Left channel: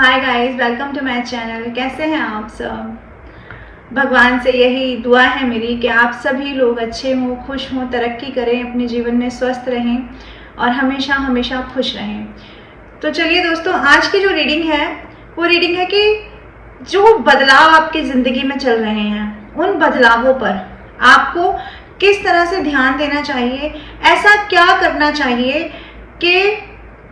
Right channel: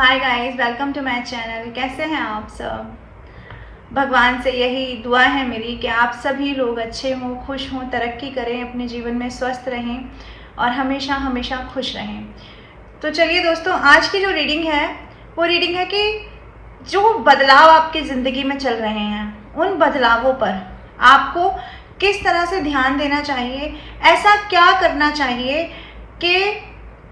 Hi guys, welcome to my channel. कैसे हैं आप सब? भगवान से यही दुआ है मेरी कि आप सभी लोग अच्छे हों, खुश हों, तरक्की करें, अपने जीवन में स्वस्थ रहें और हमेशा हमेशा खुश रहें। तो चलिए दोस्तों, आज की जो रीडिंग है वो रीडिंग है कि जो बदलाव आपकी ज़िंदगी में चल रहे हैं उन बदलावों पर आपको किस तरह से ध्यान देना चाहिए, ऐसा क्या करना चाहिए कि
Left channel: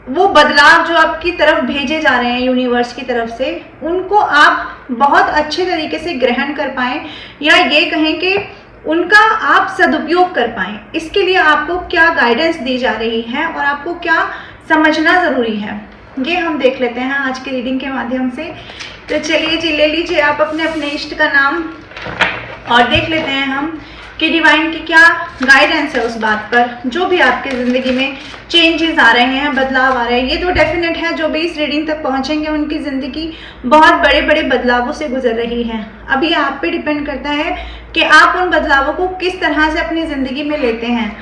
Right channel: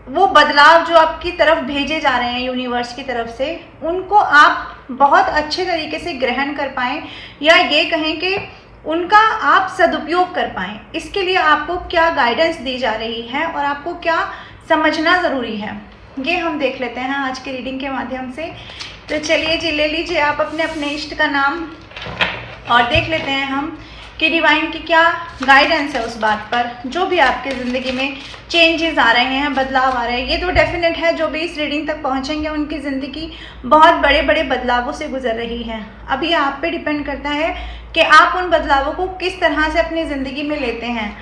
वो बदलाव जो आपकी तरफ भेजे जा रहे हैं यूनिवर्स की तरफ से, उनको आप बहुत अच्छे तरीके से ग्रहण कर पाएँ, या ये कहें कि उनका आप सदुपयोग कर पाएँ। इसके लिए आपको क्या गाइडेंस दी जा रही है और आपको क्या समझना ज़रूरी है, ये हम देख लेते हैं आज की रीडिंग के माध्यम से। तो चलिए जी, ले लीजिए आप अपने अपने इष्ट का नाम और देख लेते हैं हम कि डिवाइन की क्या गाइडेंस है उस बात पर, जो भी आपकी ज़िंदगी में चेंजेस आ रहे हैं, बदलाव आ रहे हैं। ये तो डेफिनेट है, जो भी इस रीडिंग तक पहुंचेंगे उनकी ज़िंदगी बहुत बड़े बड़े बदलावों से गुजर रही है। अभी आप पे डिपेंड करता है कि आप उन बदलावों को किस तरह से अपनी ज़िंदगी में लेते हैं।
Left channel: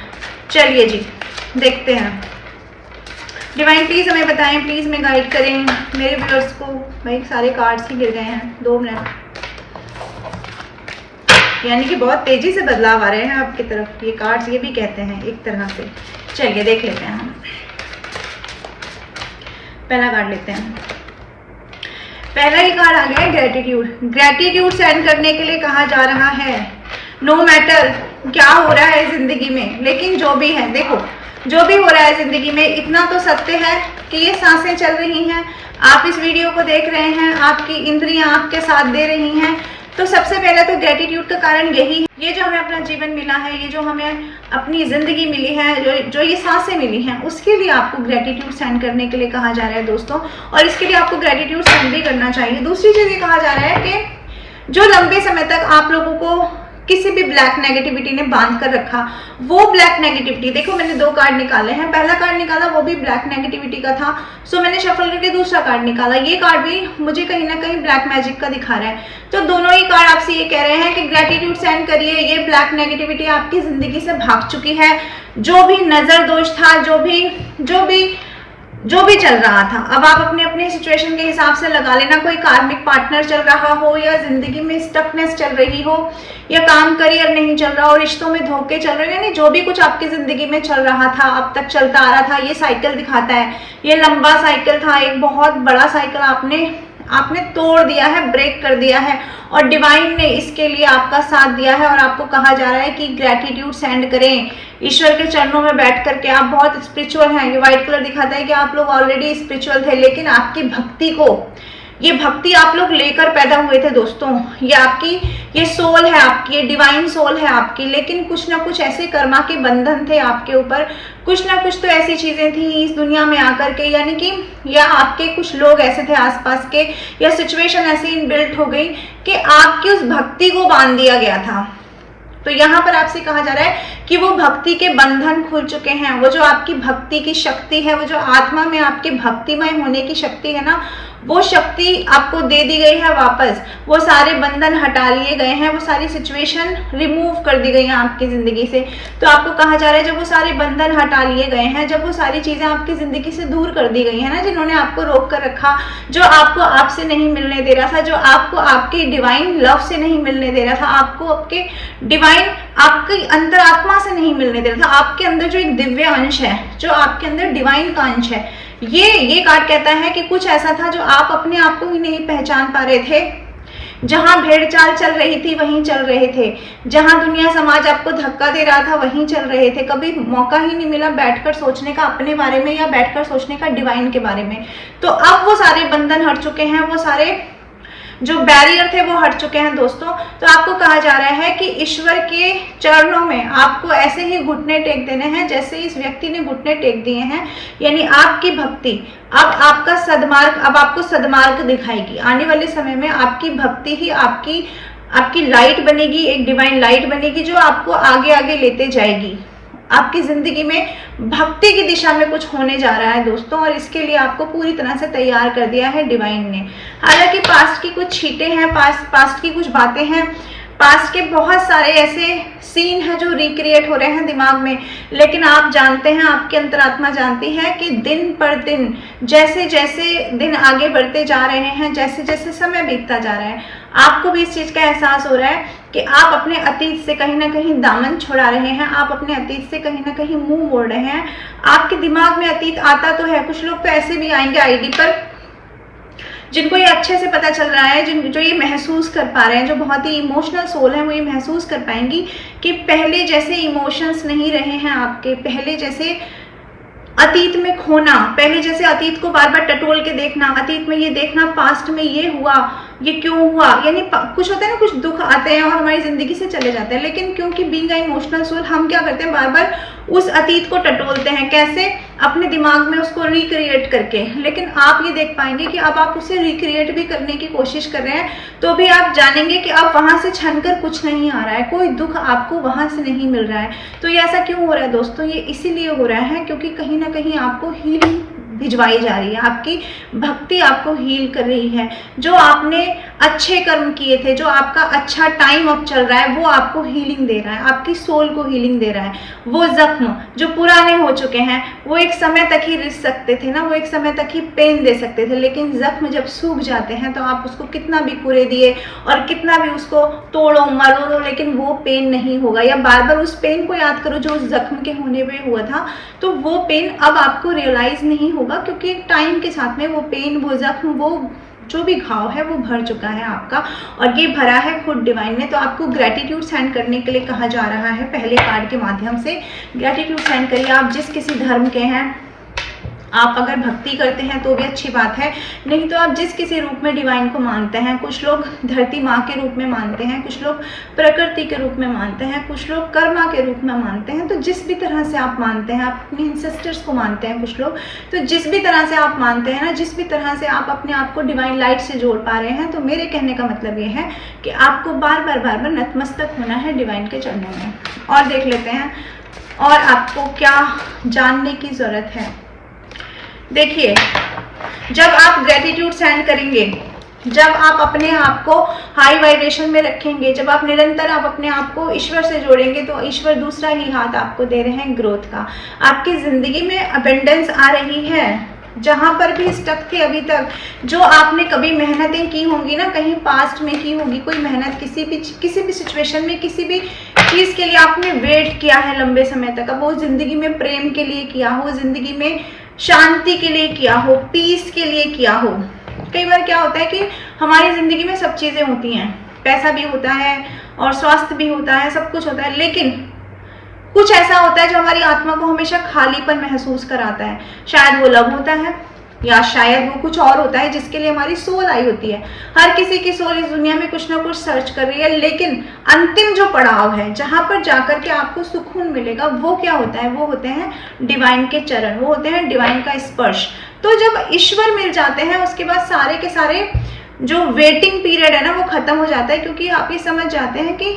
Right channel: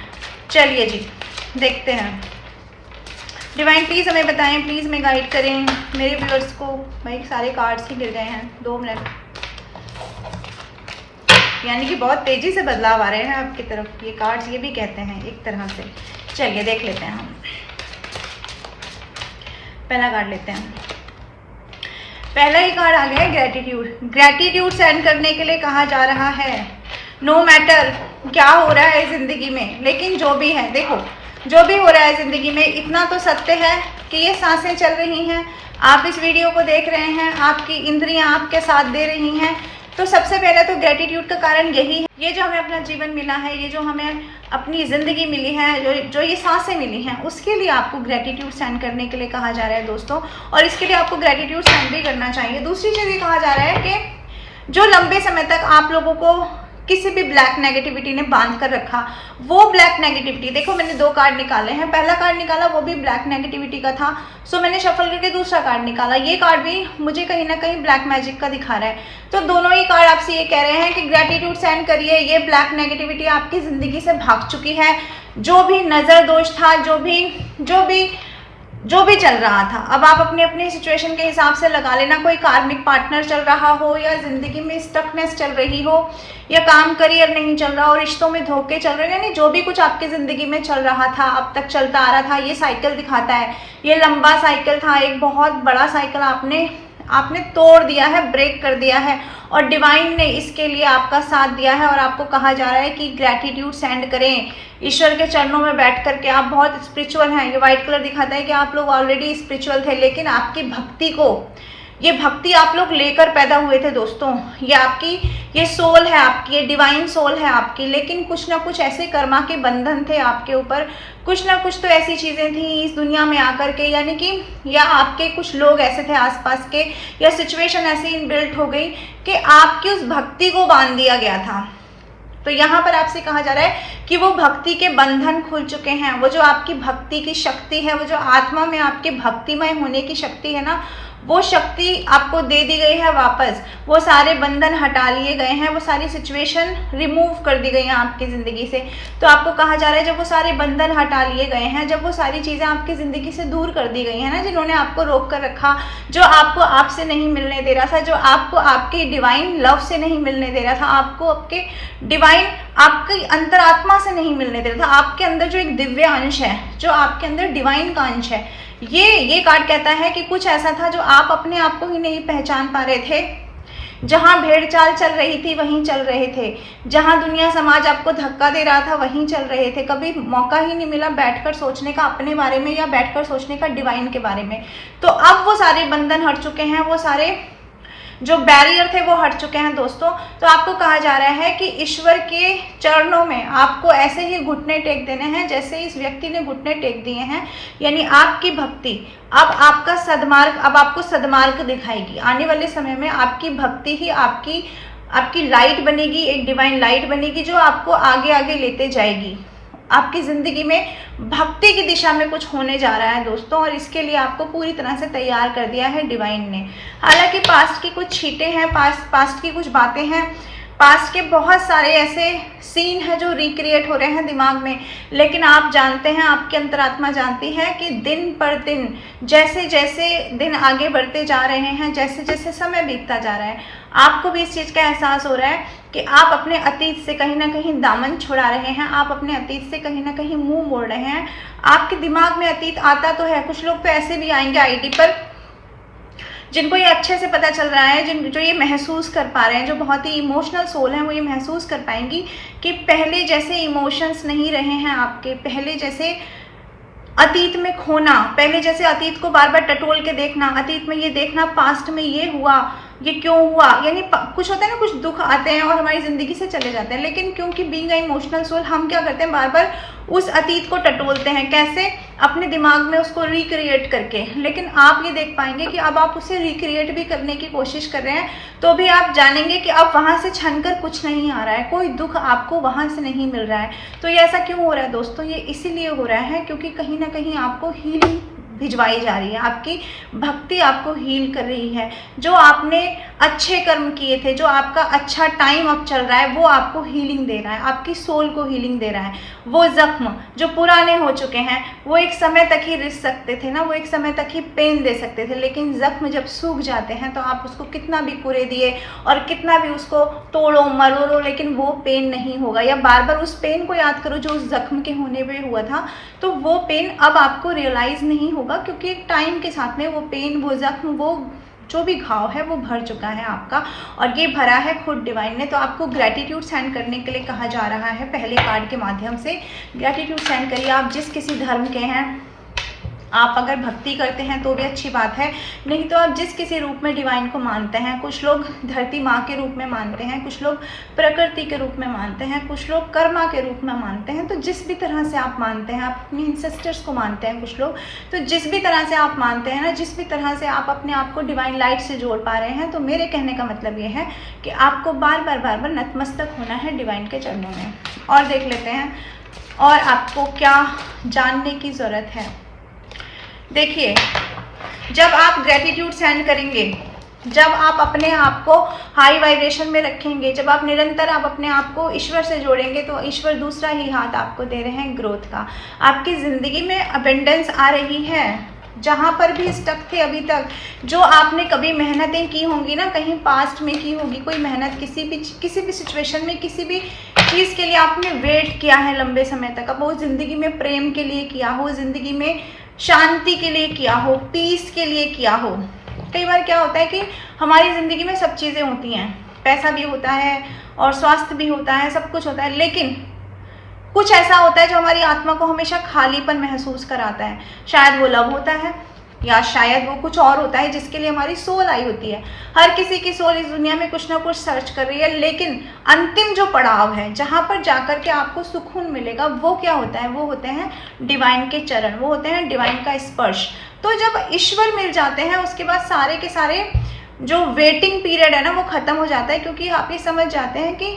चलिए जी, देखते हैं। डिवाइन प्लीज़ हमें बताएं, प्लीज़ हमें गाइड करें मेरे व्यूअर्स को। भाई सारे कार्ड्स ही गिर गए हैं, 2 मिनट, यानी कि बहुत तेज़ी से बदलाव आ रहे हैं आपकी तरफ। ये कार्ड्स ये भी कहते हैं एक तरह से। चलिए देख लेते हैं हम। पहला कार्ड लेते हैं। पहला ही कार्ड आ गया है ग्रैटिट्यूड। ग्रैटिट्यूड सेंड करने के लिए कहा जा रहा है, नो मैटर क्या हो रहा है ज़िंदगी में, लेकिन जो भी है, देखो जो भी हो रहा है ज़िंदगी में, इतना तो सत्य है कि ये सांसें चल रही हैं, आप इस वीडियो को देख रहे हैं, आपकी इंद्रियां आपके साथ दे रही हैं। तो सबसे पहले तो ग्रैटिट्यूड का कारण यही है, ये जो हमें अपना जीवन मिला है, ये जो हमें अपनी ज़िंदगी मिली है, जो ये सांसें मिली हैं, उसके लिए आपको ग्रैटिट्यूड सेंड करने के लिए कहा जा रहा है दोस्तों। और इसके लिए आपको ग्रैटिट्यूड सेंड भी करना चाहिए। दूसरी चीज़ ये कहा जा रहा है कि जो लंबे समय तक आप लोगों को किसी भी ब्लैक नेगेटिविटी ने बांध कर रखा, वो ब्लैक नेगेटिविटी, देखो मैंने 2 कार्ड निकाले हैं। पहला कार्ड निकाला वो भी ब्लैक नेगेटिविटी का था, सो मैंने शफल करके दूसरा कार्ड निकाला। ये कार्ड भी मुझे कहीं ना कहीं ब्लैक मैजिक का दिखा रहा है। तो दोनों ही कार्ड आपसे ये कह रहे हैं कि ग्रैटिट्यूड सेंड करिए, ये ब्लैक नेगेटिविटी आपकी ज़िंदगी से भाग चुकी है। जो भी नज़र दोष था, जो भी चल रहा था, अब आप अपनी अपनी सिचुएशन के हिसाब से लगा लेना। कोई कार्मिक पार्टनर चल रहा हो, या ज़िंदगी में स्टकनेस चल रही हो, या काम करियर नहीं चल रहा हो, रिश्तों में धोखे चल रहे हैं, यानी जो भी कुछ आपकी ज़िंदगी में चल रहा था, अब तक चलता आ रहा था, ये साइकिल दिखाता है। ये लंबा साइकिल था, एक बहुत बड़ा साइकिल आपने तोड़ दिया है, ब्रेक कर दिया है, और डिवाइन ने इसके लिए आपका साथ दिया है। और आपको कहा जा रहा है कि ग्रैटिट्यूड सेंड करें ईश्वर के चरणों में बैठ करके। आप बहुत स्पिरिचुअल हैं, ये व्हाइट कलर दिखाता है कि आप लोग ऑलरेडी स्पिरिचुअल थे, लेकिन आपकी भक्ति को, ये भक्ति आप लोग लेकर पैदा हुए थे दोस्तों। ये सोल है आपकी, ये डिवाइन सोल है आपकी, लेकिन कुछ ना कुछ ऐसे कर्मा के बंधन थे आपके ऊपर, कुछ ना कुछ तो ऐसी चीज़ें थी इस दुनिया में आकर के, यानी कि या आपके कुछ लोग ऐसे थे आसपास के, या सिचुएशन ऐसी इनबिल्ट हो गई कि आपकी उस भक्ति को बांध दिया गया था। तो यहाँ पर आपसे कहा जा रहा है कि वो भक्ति के बंधन खुल चुके हैं। वो जो आपकी भक्ति की शक्ति है, वो जो आत्मा में आपके भक्तिमय होने की शक्ति है ना, वो शक्ति आपको दे दी गई है वापस। वो सारे बंधन हटा लिए गए हैं, वो सारी सिचुएशन रिमूव कर दी गई हैं आपकी ज़िंदगी से। तो आपको कहा जा रहा है जब वो सारे बंधन हटा लिए गए हैं, जब वो सारी चीज़ें आपकी ज़िंदगी से दूर कर दी गई हैं ना, जिन्होंने आपको रोक कर रखा, जो आपको आपसे नहीं मिलने दे रहा था, जो आपको आपके डिवाइन लव से नहीं मिलने दे रहा था, आपको आपके डिवाइन, आपकी अंतरात्मा से नहीं मिलने दे रहा था, आपके अंदर जो एक दिव्य अंश है, जो आपके अंदर डिवाइन का अंश है, ये कार्ड कहता है कि कुछ ऐसा था जो आप अपने आप को ही नहीं पहचान पा रहे थे। जहां भेड़ चाल चल रही थी वहीं चल रहे थे, जहां दुनिया समाज आपको धक्का दे रहा था वहीं चल रहे थे। कभी मौका ही नहीं मिला बैठकर सोचने का अपने बारे में, या बैठकर सोचने का डिवाइन के बारे में। तो अब वो सारे बंधन हट चुके हैं, वो सारे जो बैरियर थे वो हट चुके हैं दोस्तों। तो आपको कहा जा रहा है कि ईश्वर के चरणों में आपको ऐसे ही घुटने टेक देने हैं जैसे इस व्यक्ति ने घुटने टेक दिए हैं। यानी आपकी भक्ति अब आपका सद्मार्ग, अब आपको सद्मार्ग दिखाएगी। आने वाले समय में आपकी भक्ति ही आपकी लाइट बनेगी, एक डिवाइन लाइट बनेगी जो आपको आगे आगे लेते जाएगी। आपकी ज़िंदगी में भक्ति की दिशा में कुछ होने जा रहा है दोस्तों, और इसके लिए आपको पूरी तरह से तैयार कर दिया है डिवाइन ने। हालांकि पास्ट की कुछ छीटें हैं, पास्ट की कुछ बातें हैं, पास्ट के बहुत सारे ऐसे सीन हैं जो रिक्रिएट हो रहे हैं दिमाग में, लेकिन आप जानते हैं, आपकी अंतरात्मा जानती है कि दिन पर दिन जैसे जैसे दिन आगे बढ़ते जा रहे हैं, जैसे जैसे समय बीतता जा रहा है, आपको भी इस चीज़ का एहसास हो रहा है कि आप अपने अतीत से कहीं ना कहीं दामन छुड़ा रहे हैं, आप अपने अतीत से कहीं ना कहीं मुंह मोड़ रहे हैं। आपके दिमाग में अतीत आता तो है, कुछ लोग तो ऐसे भी आएंगे आईडी पर जिनको ये अच्छे से पता चल रहा है, जो ये महसूस कर पा रहे हैं, जो बहुत ही इमोशनल सोल हैं, वो ये महसूस कर पाएंगी कि पहले जैसे इमोशंस नहीं रहे हैं आपके, पहले जैसे अतीत में खोना, पहले जैसे अतीत को बार बार टटोल के देखना, अतीत में ये देखना पास्ट में ये हुआ, ये क्यों हुआ, यानी कुछ होता है ना, कुछ दुख आते हैं और हमारी जिंदगी से चले जाते हैं, लेकिन क्योंकि बीइंग अ इमोशनल सोल हम क्या करते हैं, बार बार उस अतीत को टटोलते हैं। कैसे? अपने दिमाग में उसको रिक्रिएट करके। लेकिन आप ये देख पाएंगे कि अब आप उसे रिक्रिएट भी करने की कोशिश कर रहे हैं तो भी आप जानेंगे कि अब वहां से छनकर कुछ नहीं आ रहा है, कोई दुख आपको वहां से नहीं मिल रहा है। तो ये ऐसा क्यों हो रहा है दोस्तों? ये इसीलिए हो रहा है क्योंकि कहीं ना कहीं आपको हीलिंग भिजवाई जा रही है, आपकी भक्ति आपको हील कर रही है। जो आपने अच्छे कर्म किए थे, जो आपका अच्छा टाइम अब चल रहा है, वो आपको हीलिंग दे रहा है, आपकी सोल को हीलिंग दे रहा है। वो जख्म जो पुराने हो चुके हैं, वो एक समय तक ही रिस सकते थे ना, वो एक समय तक ही पेन दे सकते थे, लेकिन जख्म जब सूख जाते हैं तो आप उसको कितना भी कुरे दिए और कितना भी उसको तोड़ो मरोड़ो, लेकिन वो पेन नहीं होगा। या बार बार उस पेन को याद करो जो उस जख्म के होने पे हुआ था, तो वो पेन अब आपको रियलाइज नहीं होगा, क्योंकि टाइम के साथ में वो पेन, वो जख्म, वो जो भी घाव है वो भर चुका है आपका, और ये भरा है खुद डिवाइन ने। तो आपको ग्रैटिट्यूड सेंड करने के लिए कहा जा रहा है पहले कार्ड के माध्यम से। ग्रैटिट्यूड सेंड करिए। आप जिस किसी धर्म के हैं, आप अगर भक्ति करते हैं तो भी अच्छी बात है, नहीं तो आप जिस किसी रूप में डिवाइन को मानते हैं, कुछ लोग धरती माँ के रूप में मानते हैं, कुछ लोग प्रकृति के रूप में मानते हैं, कुछ लोग कर्मा के रूप में मानते हैं। तो जिस भी तरह से आप मानते हैं, आप अपने इंसेस्टर्स को मानते हैं कुछ लोग, तो जिस भी तरह से आप मानते हैं ना, जिस भी तरह से आप अपने आप को डिवाइन लाइट से जोड़ पा रहे हैं, तो मेरे कहने का मतलब ये है कि आपको बार बार नतमस्तक होना है डिवाइन के चरणों में। और देख लेते हैं और आपको क्या जानने की ज़रूरत है। देखिए, जब आप ग्रैटिट्यूड सेंड करेंगे, जब आप अपने आप को हाई वाइब्रेशन में रखेंगे, जब आप निरंतर आप अपने आप को ईश्वर से जोड़ेंगे, तो ईश्वर दूसरा ही हाथ आपको दे रहे हैं ग्रोथ का। आपकी ज़िंदगी में अबेंडेंस आ रही है। जहाँ पर भी स्टक थे अभी तक, जो आपने कभी मेहनतें की होंगी ना, कहीं पास्ट में की होगी कोई मेहनत, किसी भी सिचुएशन में, किसी भी चीज़ के लिए आपने वेट किया है लंबे समय तक, अब वो ज़िंदगी में प्रेम के लिए किया हो, ज़िंदगी में शांति के लिए किया हो, पीस के लिए किया हो। कई बार क्या होता है कि हमारी ज़िंदगी में सब चीज़ें होती हैं, पैसा भी होता है और स्वास्थ्य भी होता है, सब कुछ होता है, लेकिन कुछ ऐसा होता है जो हमारी आत्मा को हमेशा खालीपन महसूस कराता है। शायद वो लव होता है, या शायद वो कुछ और होता है जिसके लिए हमारी सोल आई होती है। हर किसी की सोल इस दुनिया में कुछ ना कुछ सर्च कर रही है, लेकिन अंतिम जो पड़ाव है, जहाँ पर जाकर के आपको सुकून मिलेगा, वो क्या होता है? वो होते हैं डिवाइन के चरण, वो होते हैं डिवाइन का स्पर्श। तो जब ईश्वर मिल जाते हैं, उसके बाद सारे के सारे जो वेटिंग पीरियड है ना, वो खत्म हो जाता है, क्योंकि आप ये समझ जाते हैं कि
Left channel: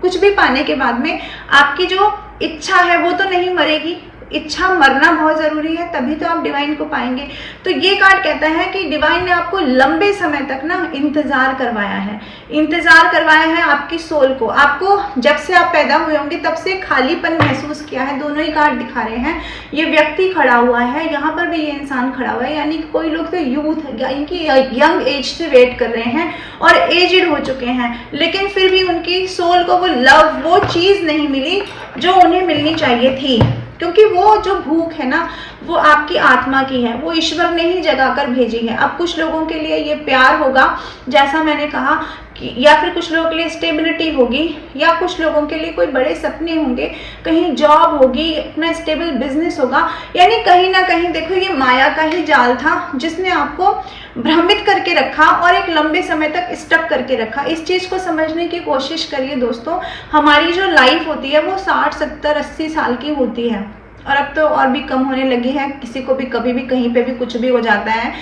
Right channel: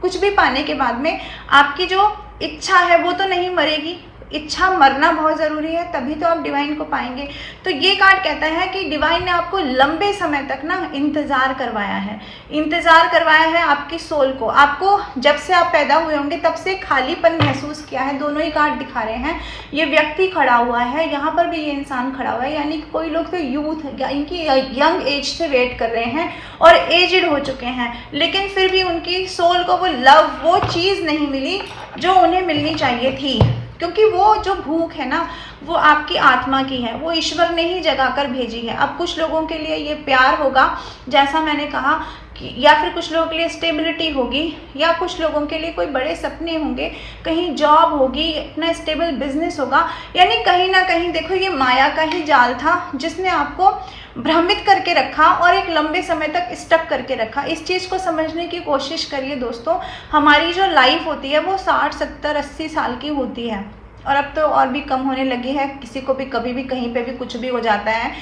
कुछ भी पाने के बाद में आपकी जो इच्छा है वो तो नहीं मरेगी, इच्छा मरना बहुत ज़रूरी है, तभी तो आप डिवाइन को पाएंगे। तो ये कार्ड कहता है कि डिवाइन ने आपको लंबे समय तक ना इंतज़ार करवाया है, इंतज़ार करवाया है आपकी सोल को। आपको जब से आप पैदा हुए होंगे तब से खालीपन महसूस किया है। दोनों ही कार्ड दिखा रहे हैं। ये व्यक्ति खड़ा हुआ है, यहाँ पर भी ये इंसान खड़ा हुआ है, यानी कि कोई लोग तो यूथ यानी कि यंग एज से वेट कर रहे हैं और एजड हो चुके हैं, लेकिन फिर भी उनकी सोल को वो लव, वो चीज़ नहीं मिली जो उन्हें मिलनी चाहिए थी, क्योंकि वो जो भूख है ना, वो आपकी आत्मा की है, वो ईश्वर ने ही जगा कर भेजी है। अब कुछ लोगों के लिए ये प्यार होगा, जैसा मैंने कहा कि, या फिर कुछ लोगों के लिए स्टेबिलिटी होगी, या कुछ लोगों के लिए कोई बड़े सपने होंगे, कहीं जॉब होगी, अपना स्टेबल बिजनेस होगा। यानी कहीं ना कहीं देखो, ये माया का ही जाल था जिसने आपको भ्रमित करके रखा और एक लंबे समय तक स्टक करके रखा। इस चीज़ को समझने की कोशिश करिए दोस्तों। हमारी जो लाइफ होती है वो 60, 70, 80 साल की होती है, और अब तो और भी कम होने लगी है, किसी को भी कभी भी कहीं पे भी कुछ भी हो जाता है।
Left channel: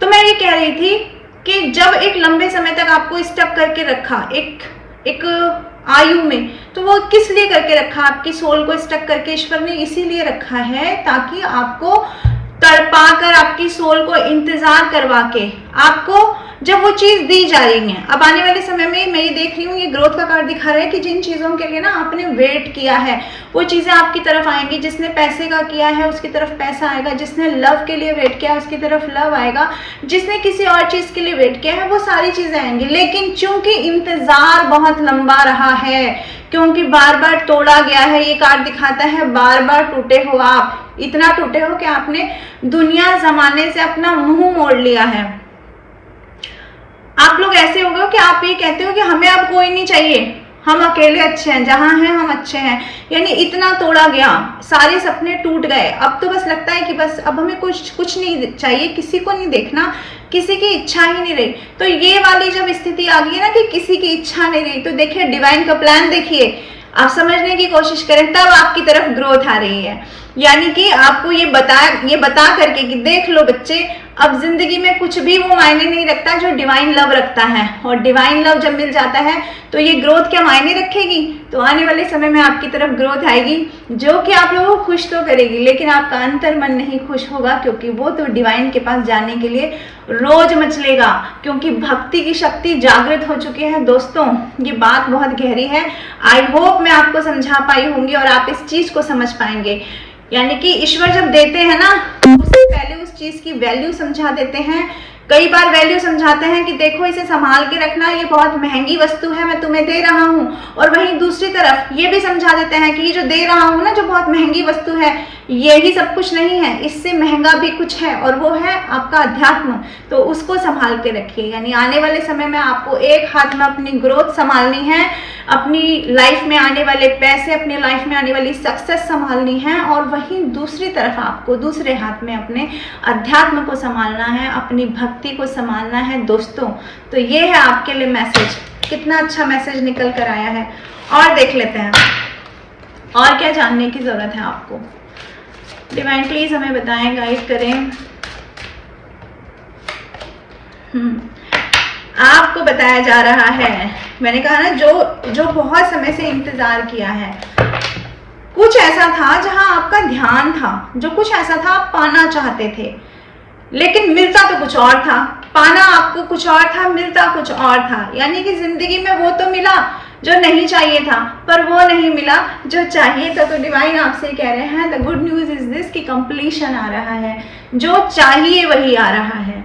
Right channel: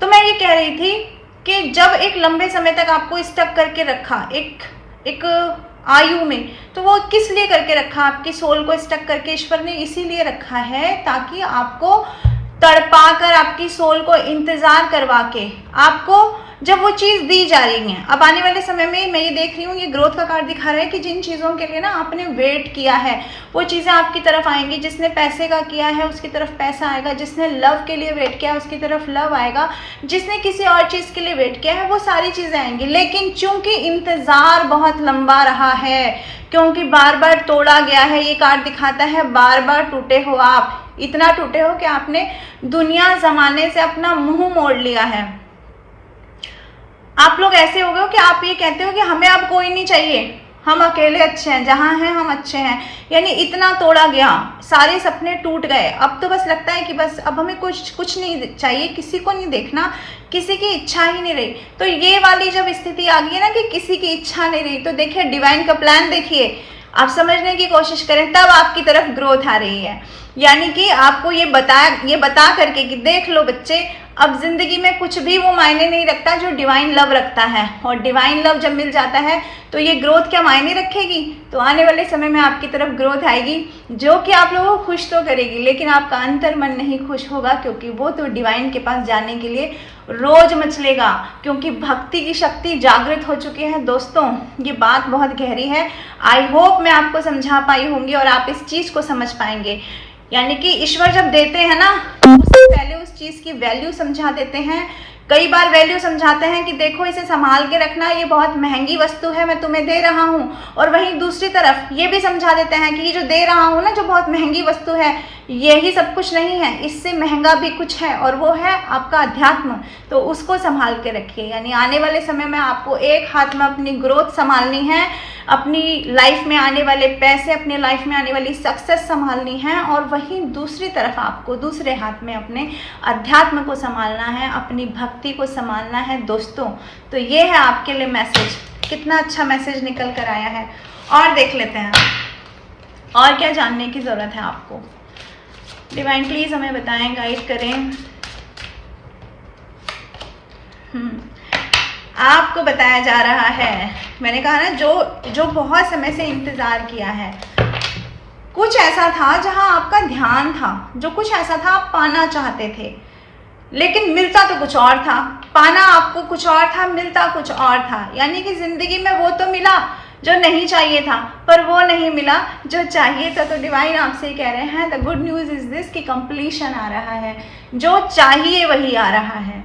तो मैं ये कह रही थी कि जब एक लंबे समय तक आपको स्टक करके रखा एक आयु में, तो वो किस लिए करके रखा? आपकी सोल को स्टक करके ईश्वर ने इसीलिए रखा है ताकि आपको तड़पा कर, आपकी सोल को इंतजार करवा के, आपको जब वो चीज दी जा रही है। अब आने वाले समय में मैं ये देख रही हूँ, ये ग्रोथ का कार्ड दिखा रहा है कि जिन चीजों के लिए ना आपने वेट किया है वो चीजें आपकी तरफ आएंगी। जिसने पैसे का किया है उसकी तरफ पैसा आएगा, जिसने लव के लिए वेट किया है उसकी तरफ लव आएगा, जिसने किसी और चीज के लिए वेट किया है वो सारी चीजें आएंगी। लेकिन चूंकि इंतजार बहुत लंबा रहा है, क्योंकि बार बार तोड़ा गया है, ये कार्ड दिखाता है बार बार टूटे हो आप, इतना टूटे हो कि आपने दुनिया जमाने से अपना मुंह मोड़ लिया है। आप लोग ऐसे हो गए हो कि आप ये कहते हो कि हमें अब कोई नहीं चाहिए, हम अकेले अच्छे हैं, जहां हैं हम अच्छे हैं। यानी इतना तोड़ा गया, सारे सपने टूट गए, अब तो बस लगता है कि बस अब हमें कुछ नहीं चाहिए, किसी को नहीं देखना, किसी की इच्छा ही नहीं रही। तो ये वाली जब स्थिति आ गई है ना कि किसी की इच्छा नहीं रही, तो देखिए डिवाइन का प्लान देखिए, आप समझने की कोशिश करें, तब आपकी तरफ ग्रोथ आ रही है। यानी कि आपको ये बता करके कि देख लो बच्चे, अब जिंदगी में कुछ भी वो मायने नहीं रखता जो डिवाइन लव रखता है। और डिवाइन लव जब मिल जाता है तो ये ग्रोथ क्या मायने रखेगी। तो आने वाले समय में आपकी तरफ ग्रोथ आएगी जो कि आप लोगों को खुश तो करेगी, लेकिन आपका अंतर मन नहीं खुश होगा, क्योंकि वो तो डिवाइन के पास जाने के लिए रोज मचलेगा, क्योंकि भक्ति की शक्ति जागृत हो चुकी है। दोस्तों ये बात बहुत गहरी है, आई होप मैं आपको समझा पाई होंगी और आप इस चीज को समझ पाएंगे। यानी कि ईश्वर जब देते हैं ना, उससे पहले उस चीज की वैल्यू समझा देते हैं। कई बार वैल्यू समझाते हैं कि देखो इसे संभाल के रखना, ये बहुत महंगी वस्तु है, मैं तुम्हें दे रहा हूँ। और वहीं दूसरी तरफ ये भी समझा देते हैं कि ये जो दे रहा हूँ ना, जो बहुत महंगी वस्तु है, यही सब कुछ नहीं है, इससे महंगा भी कुछ है, और वो है आपका अध्यात्म। तो उसको संभाल के रखिए। यानी आने वाले समय में आपको एक हाथ में अपनी ग्रोथ संभालनी है, अपनी लाइफ में आने वाले पैसे, अपनी लाइफ में आने वाली सक्सेस संभालनी है, और वहीं दूसरी तरफ आपको दूसरे हाथ में अपने अध्यात्म को संभालना है, अपनी भक्ति को संभालना है दोस्तों। तो ये है आपके लिए मैसेज, कितना अच्छा मैसेज निकल कर आया है। और देख लेते हैं और क्या जानने की जरूरत है आपको। डिवाइन प्लीज हमें बताएं, गाइड करें। आपको बताया जा रहा है, मैंने कहा ना, जो बहुत समय से इंतजार किया है, कुछ ऐसा था जहां आपका ध्यान था, जो कुछ ऐसा था आप पाना चाहते थे, लेकिन मिलता तो कुछ और था। पाना आपको कुछ और था, मिलता कुछ और था। यानी कि जिंदगी में वो तो मिला जो नहीं चाहिए था, पर वो नहीं मिला जो चाहिए था। तो डिवाइन आपसे कह रहे हैं, the good news is this, कि कंप्लीशन आ रहा है, जो चाहिए वही आ रहा है,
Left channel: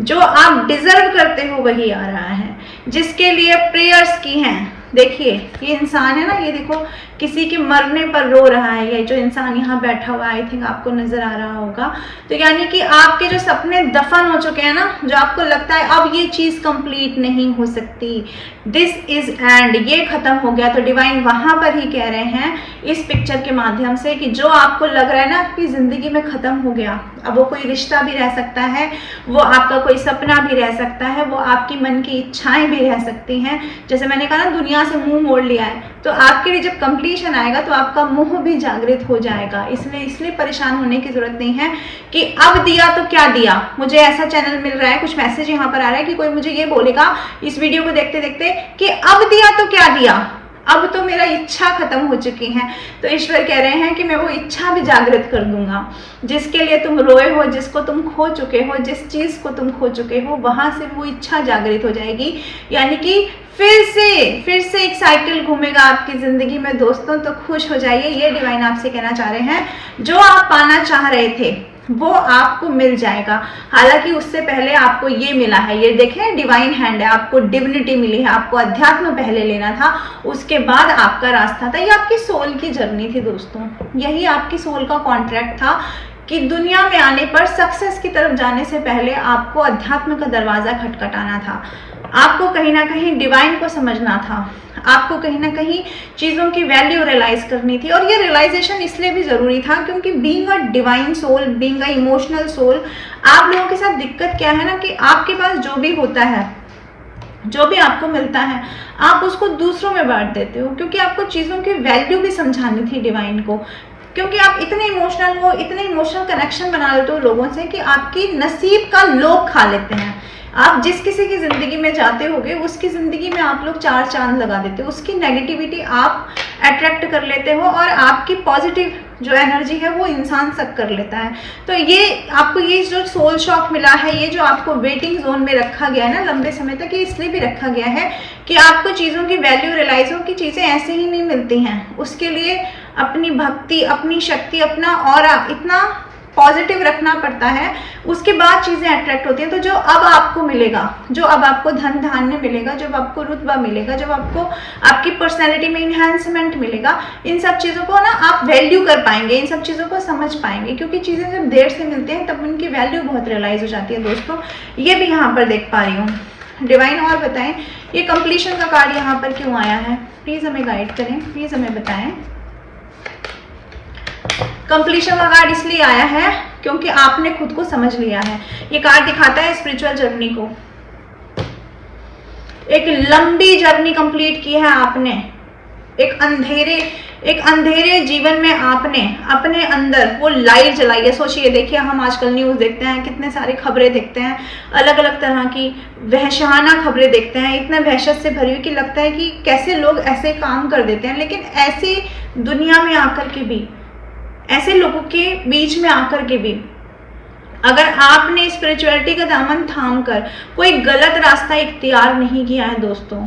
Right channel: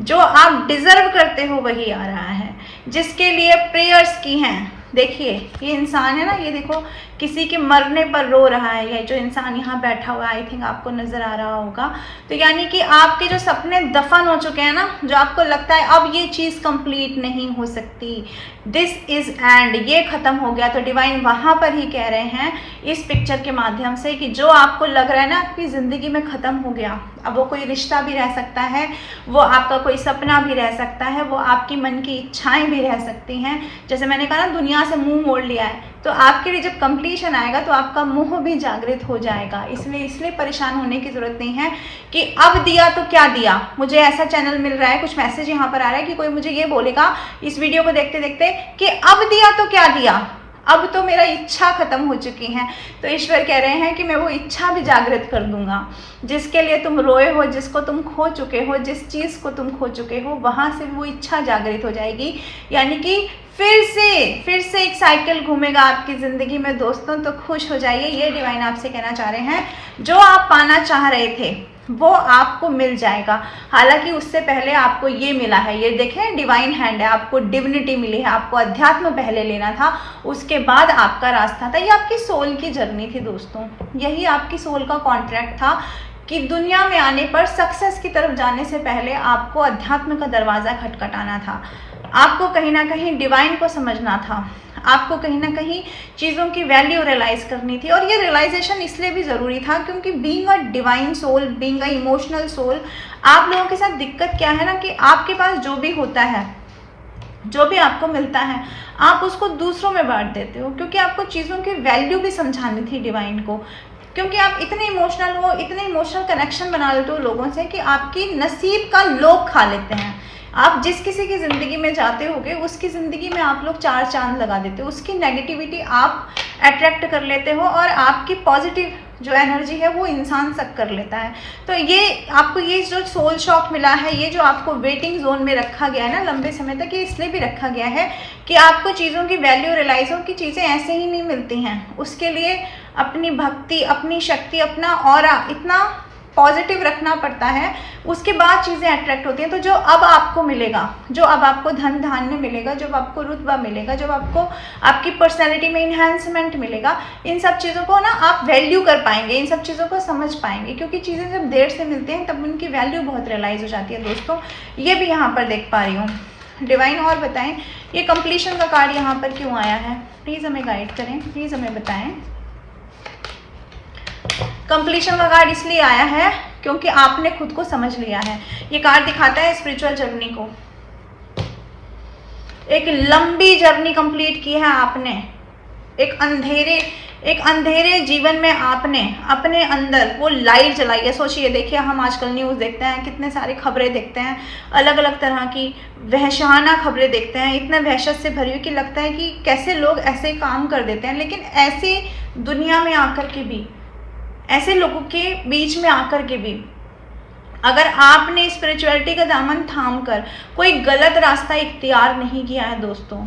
जो आप डिजर्व करते हो वही आ रहा है, जिसके लिए प्रेयर्स की हैं। देखिए ये इंसान है ना, ये देखो किसी के मरने पर रो रहा है, ये जो इंसान यहाँ बैठा हुआ, आई थिंक आपको नजर आ रहा होगा। तो यानी कि आपके जो सपने दफन हो चुके हैं ना, जो आपको लगता है अब ये चीज कंप्लीट नहीं हो सकती, दिस इज एंड, ये खत्म हो गया। तो डिवाइन वहां पर ही कह रहे हैं इस पिक्चर के माध्यम से कि जो आपको लग रहा है ना आपकी जिंदगी में खत्म हो गया, अब वो कोई रिश्ता भी रह सकता है, वो आपका कोई सपना भी रह सकता है, वो आपकी मन की इच्छाएं भी रह सकती हैं। जैसे मैंने कहा ना, दुनिया से मुंह मोड़ लिया है, तो आपके लिए जब कंप्लीशन आएगा तो आपका मुंह भी जागृत हो जाएगा। इसलिए परेशान होने की जरूरत नहीं है कि अब दिया तो क्या दिया। मुझे ऐसा चैनल मिल रहा है, कुछ मैसेज यहाँ पर आ रहा है कि कोई मुझे ये बोलेगा इस वीडियो को देखते देखते कि अब दिया तो क्या दिया, अब तो मेरा इच्छा खत्म हो चुकी है। तो ईश्वर कह रहे हैं कि मैं वो इच्छा भी जागृत कर दूंगा, जिसके लिए तुम रोए हो, जिसको तुम खो चुके हो, जिस चीज को तुम खो चुके हो, वहां से वो इच्छा जागृत हो जाएगी। यानी कि फिर से एक साइकिल घूमेगा आपकी जिंदगी में दोस्तों। तो खुश हो जाइए, ये डिवाइन आपसे कहना चाह रहे हैं, जो आप पाना चाह रहे थे वो आपको मिल जाएगा। हालांकि उससे पहले आपको ये मिला है, ये देखें डिवाइन हैंड है, आपको डिविनिटी मिली है, आपको अध्यात्म पहले लेना था, उसके बाद आपका रास्ता था। ये आपकी सोल की जर्नी थी दोस्तों, यही आपकी सोल का कॉन्ट्रैक्ट था कि दुनिया में आने पर, सक्सेस की तरफ जाने से पहले आपको अध्यात्म का दरवाजा खटखटाना था, आपको कहीं ना कहीं डिवाइन को समझना था, आपको कहीं ना कहीं चीज़ों की वैल्यू रियलाइज करनी थी। और ये रियलाइजेशन इसलिए भी ज़रूरी था क्योंकि being a divine soul, being a emotional soul, आप लोगों के साथ दिक्कत क्या है ना कि आपके पास जो भी होता है, जो भी आपको मिलता है, आप उसको दूसरों में बांट देते हो, क्योंकि आपको चीज़ों की वैल्यू भी समझानी थी डिवाइन को। क्योंकि आप इतने इमोशनल हो, इतने इमोशनल कनेक्शन बना लेते हो लोगों से कि आपकी नसीब का लोभ खा लेते हैं। आप जिस किसी की ज़िंदगी में जाते होगे उसकी ज़िंदगी में आप लोग 4 चांद लगा देते हो, उसकी नेगेटिविटी आप अट्रैक्ट कर लेते हो और आपकी पॉजिटिव जो एनर्जी है वो इंसान सक कर लेता है। तो ये आपको ये जो सोल शॉक मिला है, ये जो आपको वेटिंग जोन में रखा गया है ना लंबे समय तक, ये इसलिए भी रखा गया है कि आपको चीज़ों की वैल्यू रियलाइज हो कि चीज़ें ऐसे ही नहीं मिलती हैं। उसके लिए अपनी भक्ति, अपनी शक्ति, अपना ऑरा इतना पॉजिटिव रखना पड़ता है, उसके बाद चीज़ें अट्रैक्ट होती हैं। तो जो अब आपको मिलेगा, जो अब आपको धन धान्य मिलेगा, जब आपको रुतबा मिलेगा, जब आपको आपकी पर्सनैलिटी में इन्हांसमेंट मिलेगा, इन सब चीज़ों को ना आप वैल्यू कर पाएंगे, इन सब चीज़ों को समझ पाएंगे, क्योंकि चीज़ें जब देर से मिलती हैं तब उनकी वैल्यू बहुत रियलाइज हो जाती है दोस्तों। ये भी यहाँ पर देख पा रही हूँ। डिवाइन और बताएं ये कंप्लीशन का कार्ड यहाँ पर क्यों आया है, प्लीज़ हमें गाइड करें, प्लीज़ हमें बताएं। कंप्लीशन का कार्ड इसलिए आया है क्योंकि आपने खुद को समझ लिया है। ये कार्ड दिखाता है स्पिरिचुअल जर्नी को, एक लंबी जर्नी कंप्लीट की है आपने, एक अंधेरे जीवन में आपने अपने अंदर वो लाइट जलाई है। सोचिए, देखिए हम आजकल न्यूज़ देखते हैं, कितने सारी खबरें देखते हैं, अलग अलग तरह की वहशाना खबरें देखते हैं, इतना वहशत से भरी हुई कि लगता है कि कैसे लोग ऐसे काम कर देते हैं। लेकिन ऐसी दुनिया में आकर के भी, ऐसे लोगों के बीच में आकर के भी, अगर आपने स्पिरिचुअलिटी का दामन थाम कर कोई गलत रास्ता इख्तियार नहीं किया है दोस्तों,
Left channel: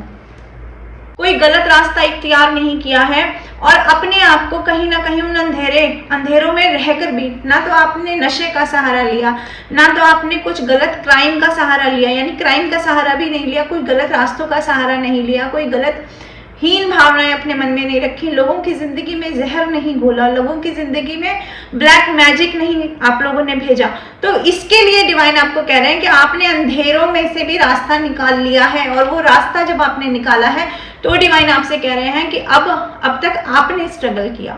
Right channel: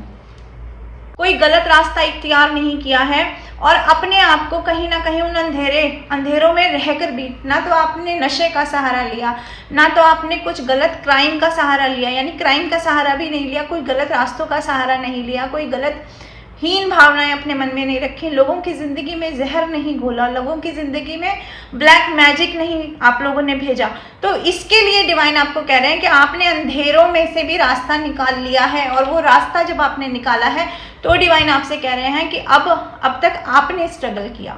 कोई गलत रास्ता इख्तियार नहीं किया है, और अपने आप को कहीं ना कहीं उन अंधेरों में रहकर भी, ना तो आपने नशे का सहारा लिया, ना तो आपने कुछ गलत क्राइम का सहारा लिया, यानी क्राइम का सहारा भी नहीं लिया, कोई गलत रास्तों का सहारा नहीं लिया, कोई गलत हीन भावनाएं अपने मन में नहीं रखी, लोगों की जिंदगी में जहर नहीं घोला, लोगों की जिंदगी में ब्लैक मैजिक नहीं आप लोगों ने भेजा। तो इसके लिए डिवाइन आपको कह रहे हैं कि आपने अंधेरों में से भी रास्ता निकाल लिया है, और वो रास्ता जब आपने निकाला है तो डिवाइन आपसे कह रहे हैं कि अब तक आपने स्ट्रगल किया,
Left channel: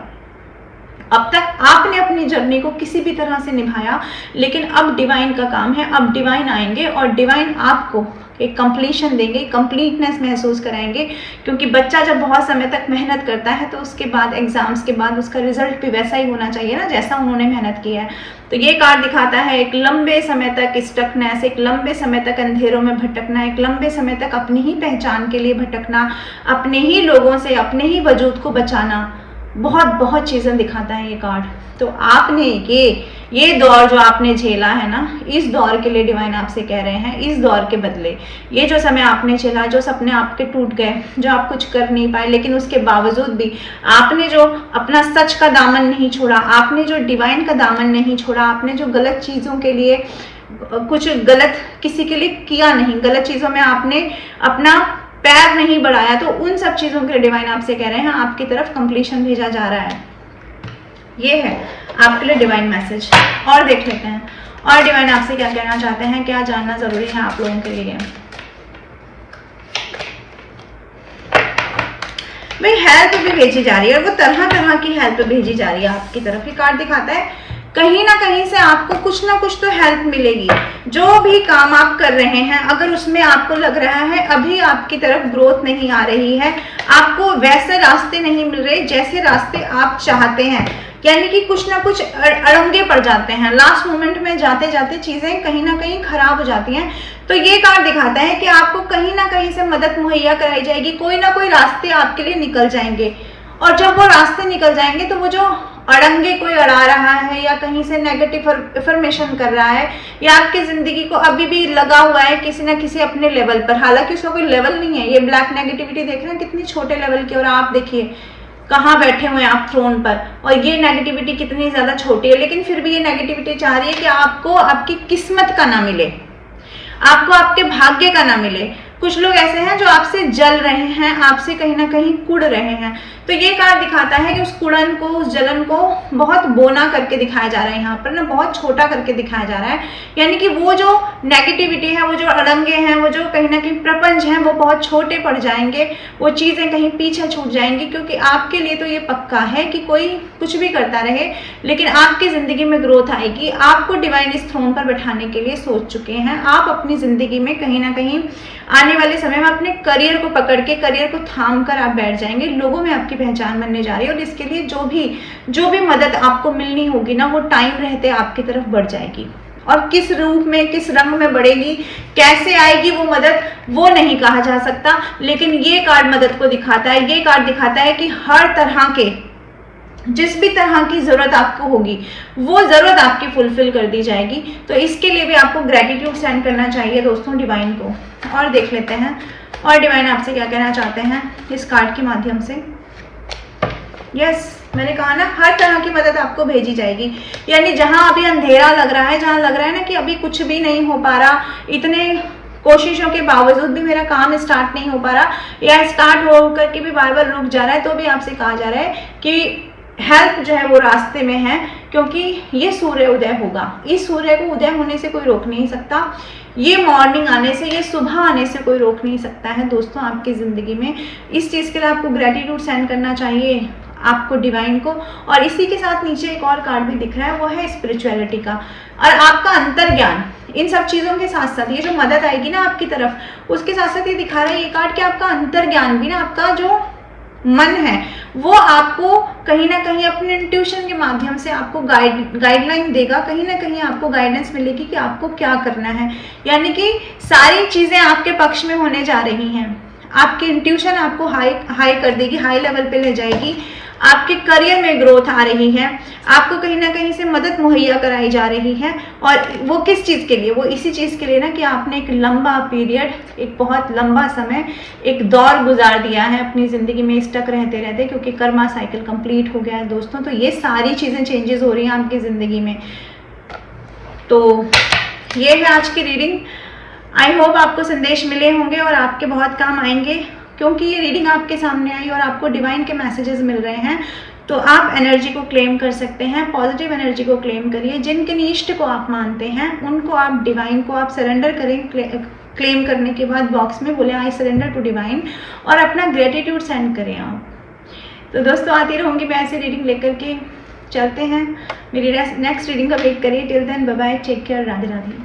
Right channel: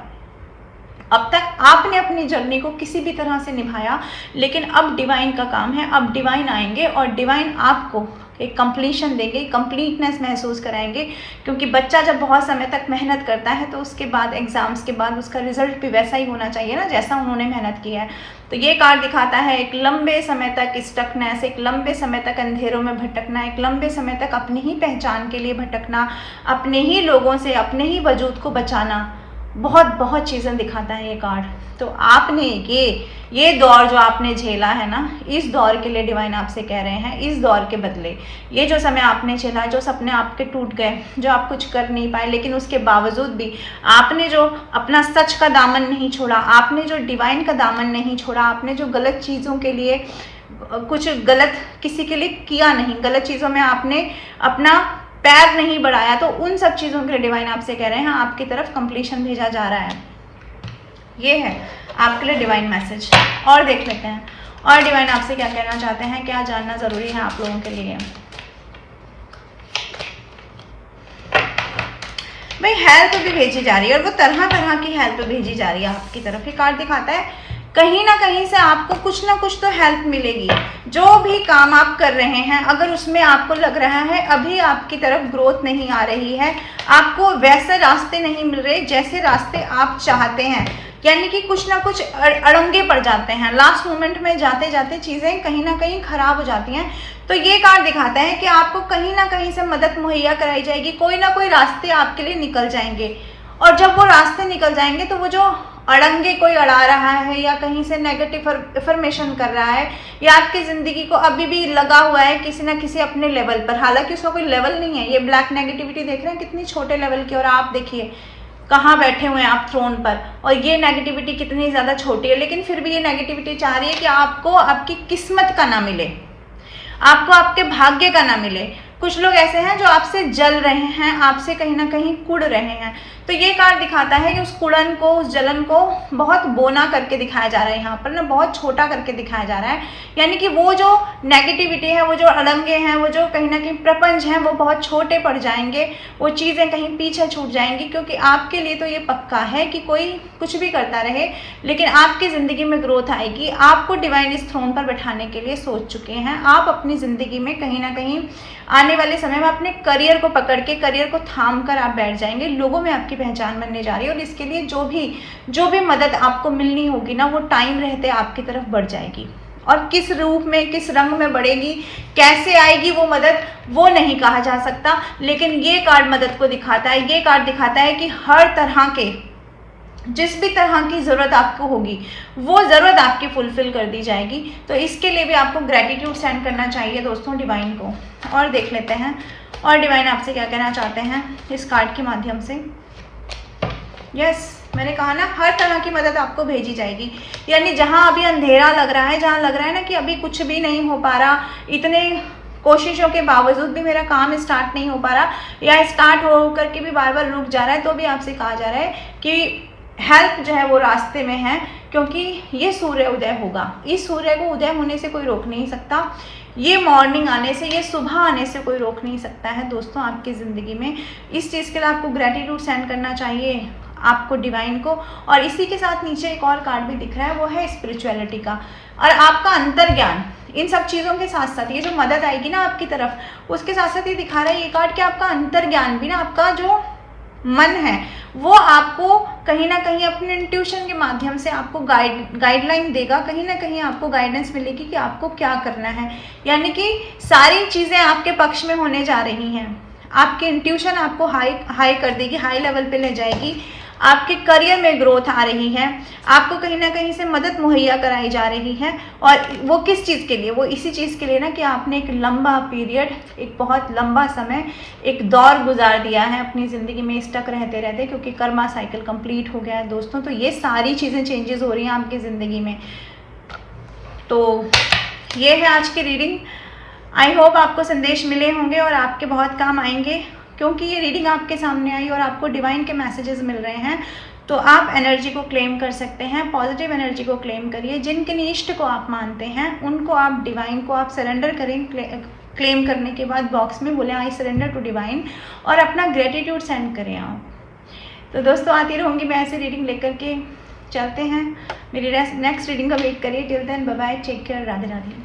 अब तक आपने अपनी जर्नी को किसी भी तरह से निभाया, लेकिन अब डिवाइन का काम है, अब डिवाइन आएंगे और डिवाइन आपको एक कंप्लीशन देंगे, कंप्लीटनेस महसूस कराएंगे। क्योंकि बच्चा जब बहुत समय तक मेहनत करता है तो उसके बाद एग्जाम्स के बाद उसका रिजल्ट भी वैसा ही होना चाहिए ना, जैसा उन्होंने मेहनत किया है। तो ये कार्ड दिखाता है एक लंबे समय तक स्टकनेस, एक लंबे समय तक अंधेरों में भटकना, एक लंबे समय तक अपनी ही पहचान के लिए भटकना, अपने ही लोगों से अपने ही वजूद को बचाना, बहुत चीज़ें दिखाता है ये कार्ड। तो आपने ये दौर जो आपने झेला है ना, इस दौर के लिए डिवाइन आपसे कह रहे हैं, इस दौर के बदले ये जो समय आपने झेला, जो सपने आपके टूट गए, जो आप कुछ कर नहीं पाए, लेकिन उसके बावजूद भी आपने जो अपना सच का दामन नहीं छोड़ा, आपने जो डिवाइन का दामन नहीं छोड़ा, आपने जो गलत चीज़ों के लिए कुछ गलत किसी के लिए किया नहीं, गलत चीज़ों में आपने अपना पैर नहीं बढ़ाया, तो उन सब चीज़ों के लिए डिवाइन आपसे कह रहे हैं आपकी तरफ कंप्लीशन भेजा जा रहा है। ये है आपके लिए डिवाइन मैसेज। और देख लेते हैं और डिवाइन आपसे क्या कहना चाहते हैं, क्या जानना जरूरी है आप लोगों के लिए। भाई हेल्प भी भेजी जा रही है, और वो तरह तरह की हेल्प भेजी जा रही है आपकी तरफ। ये कार्ड दिखाता है कहीं ना कहीं से आपको कुछ ना कुछ तो हेल्प मिलेगी। जो भी काम आप कर रहे हैं, अगर उसमें आपको लग रहा है अभी आपकी तरफ ग्रोथ नहीं आ रही है, आपको वैसे रास्ते नहीं मिल रहे जैसे रास्ते आप चाहते हैं, यानी कि कुछ ना कुछ अड़ंगे पड़ जाते हैं, लास्ट मोमेंट में जाते जाते चीज़ें कहीं ना कहीं खराब हो जाती हैं, तो ये कार्ड दिखाता है कि आपको कहीं ना कहीं से मदद मुहैया कराई जाएगी, कोई ना कोई रास्ते आपके लिए निकल जाएंगे। और जब वो रास्ते निकल जाएंगे तो वो जो अड़ंगे कोई अड़ा रहा है या कहीं से नेगेटिव इन्फॉर्मेशन कर रहा है या आपकी ज़िंदगी को अभी भी लगा हुआ है किसी ना किसी अपने लेवल पर, हालांकि उसका कोई लेवल नहीं है। ये ब्लैक नेगेटिविटी देख रहे हैं कितनी छोटे लेवल की, और आप देखिए कहाँ बैठे हुए हैं आप थ्रोन पर, और ये नेगेटिविटी कितनी ज़्यादा छोटी है, लेकिन फिर भी ये नेगेटिविटी चाह रही है कि आपको आपकी किस्मत का ना मिले, आपको आपके भाग्य का ना मिले। कुछ लोग ऐसे हैं जो आपसे जल रहे हैं, आपसे कहीं ना कहीं कुड़ रहे हैं। तो ये कार्ड दिखाता है कि उस कुड़न को, उस जलन को बहुत बोना करके दिखाया जा रहा है, यहाँ पर ना बहुत छोटा करके दिखाया जा रहा है, यानी कि वो जो नेगेटिविटी है, वो जो अड़ंगे हैं, वो जो कहीं ना कहीं प्रपंच हैं, वो बहुत छोटे पड़ जाएंगे, वो चीज़ें कहीं पीछे छूट जाएंगी। क्योंकि आपके लिए तो ये पक्का है कि कोई कुछ भी करता रहे, लेकिन आपकी ज़िंदगी में ग्रोथ आएगी। आपको डिवाइन इस थ्रोन पर बैठाने के लिए सोच चुके हैं। आप अपनी ज़िंदगी में कहीं ना कहीं आने वाले समय में अपने करियर को पकड़ के, करियर को थाम कर आप बैठ जाएंगे, लोगों में आपकी पहचान बनने जा रही है, और इसके लिए जो भी मदद आपको मिलनी होगी ना, वो टाइम रहते आपकी तरफ बढ़ जाएगी। और किस रूप में, किस रंग में बढ़ेगी, कैसे आएगी वो मदद, वो नहीं कहा जा सकता, लेकिन ये कार्ड मदद को दिखाता है। ये कार्ड दिखाता है कि हर तरह के जिस भी तरह की ज़रूरत आपको होगी वो ज़रूरत आपकी फुलफिल कर दी जाएगी। तो इसके लिए भी आपको ग्रैटिट्यूड सेंड करना चाहिए दोस्तों डिवाइन को। और देख लेते हैं और डिवाइन आपसे क्या कहना चाहते हैं इस कार्ड के माध्यम से। यस, मैंने कहा ना, हर तरह की मदद आपको भेजी जाएगी। यानी जहां अभी अंधेरा लग रहा है, जहां लग रहा है ना कि अभी कुछ भी नहीं हो पा रहा, इतने कोशिशों के बावजूद भी मेरा काम स्टार्ट नहीं हो पा रहा, या स्टार्ट हो करके भी बार बार रुक जा रहा है, तो भी आपसे कहा जा रहा है कि हेल्प जो है वो रास्ते में है, क्योंकि ये सूर्य उदय होगा। इस सूर्य को उदय होने से कोई रोक नहीं सकता, ये मॉर्निंग आने से, ये सुबह आने से कोई रोक नहीं सकता है दोस्तों आपकी ज़िंदगी में। इस चीज़ के लिए आपको ग्रेटिट्यूड सेंड करना चाहिए आपको डिवाइन को। और इसी के साथ नीचे एक और कार्ड भी दिख रहा है, वो है स्पिरिचुअलिटी का और आपका अंतर्ज्ञान। इन सब चीज़ों के साथ साथ ये जो मदद आएगी ना आपकी तरफ, उसके साथ साथ ये दिखा रहा है ये कार्ड कि आपका अंतर्ज्ञान भी ना, आपका जो मन है वो आपको कहीं ना कहीं अपने इंट्यूशन के माध्यम से आपको गाइडलाइन देगा, कहीं ना कहीं आपको गाइडेंस मिलेगी कि आपको क्या करना है। यानी कि सारी चीज़ें आपके पक्ष में होने जा रही हैं। आपकी इंट्यूशन आपको हाई कर देगी, हाई लेवल पे ले जाएगी। आपके करियर में ग्रोथ आ रही है, आपको कहीं ना कहीं से मदद मुहैया कराई जा रही है। और वो किस चीज़ के लिए? वो इसी चीज़ के लिए ना कि आपने एक लंबा पीरियड, एक बहुत लंबा समय, एक दौर गुजार दिया है अपनी ज़िंदगी में स्टक रहते रहते, क्योंकि कर्मा साइकिल कंप्लीट हो गया है दोस्तों। तो ये सारी चीज़ें चेंजेस हो रही हैं आपकी ज़िंदगी में। तो ये है आज की रीडिंग। आई होप आपको संदेश मिले होंगे और आपके बहुत काम आएंगे, क्योंकि ये रीडिंग आपके सामने आई और आपको डिवाइन के मैसेजेस मिल रहे हैं। तो आप एनर्जी को क्लेम कर सकते हैं, पॉजिटिव एनर्जी को क्लेम करिए। जिनके इष्ट को आप मानते हैं उनको आप, डिवाइन को आप सरेंडर करें। क्लेम करने के बाद बॉक्स में बोले आई सरेंडर टू डिवाइन और अपना ग्रेटिट्यूड सेंड करें आप। तो दोस्तों आती रहूँगी मैं ऐसे रीडिंग लेकर के। चलते हैं, मेरी नेक्स्ट रीडिंग का वेट करिए। Till then bye bye, take care, Radhe Radhe.